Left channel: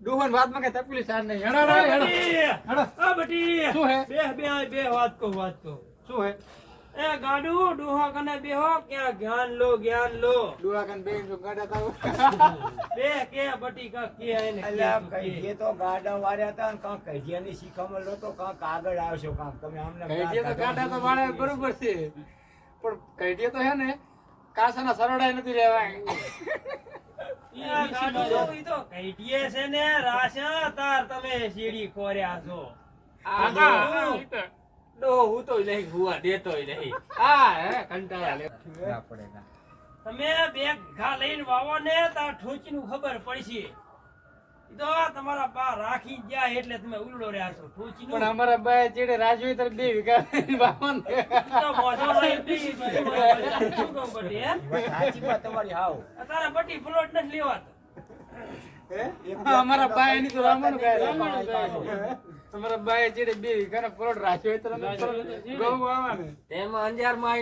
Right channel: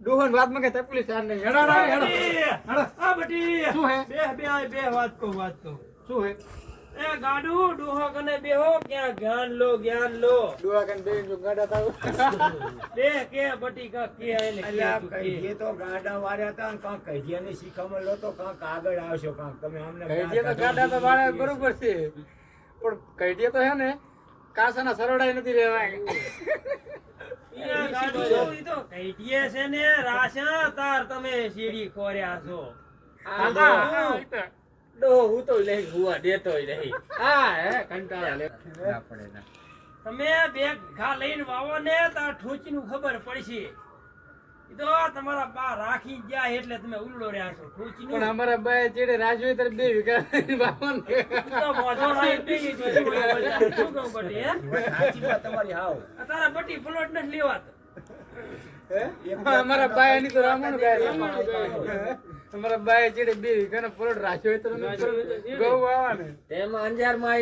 ડોહન વાત માં કઈ તકલીફ સાર નહીં. હેડો હેડો. આ બટી શું હે? બે વાત કહું શું હે? એ ગાડુ ડોહા કને બેહો ક્યાં જ્ઞાન લો ડોળા કન બેન જો ગાડા થાવ. બે કે બટી કા કે એને અલ્યા કહીએ તો ગાડા વાર્યા હતા ને કાંક કહીયાની શીખામણ લો તો કાંક આગળ આવશો કાંક તમે અમને કઈડિયા તો ગાડા તો વાળા બરોબર છે, પણ કઈડિયા તો હે ને કાસાના સરડાઈ નથી રહેવાય. એ ગાડુ ઈ તો કઈટીએ છે ને રાશા તાર તમે સીડી ખોર્યા છો. ડોહો હું તો નહીં હુવા દેતો નહીં. હા હે કંટાળા લે. ના પડે ના. તમે બે ઘા લઈને વાવો ને તાર ઠોચી નું ખબર પડશે. ઈ તો તમારા બા રાખી ગયા એટલે તમે ઉલડો રહ્યા છો ઠોચી પણ નું. અમારા બાય ચેડે રાજવી તર 2 વીઘા વાવન. તો મોઢો લઈ દઈ દીધી. શું કહું બટી હે? સાચી વાત તમારી હાવ. તારા બટી પ્લોટ નથી લેવાતો. અમારા બાય એની તો રામણું ગાય. અમારા બાય ચેડે 2 વીઘાનો પ્લોટ રાખ્યો હોય તો ગૌ વાવવાને. તેમાં અંજારમાં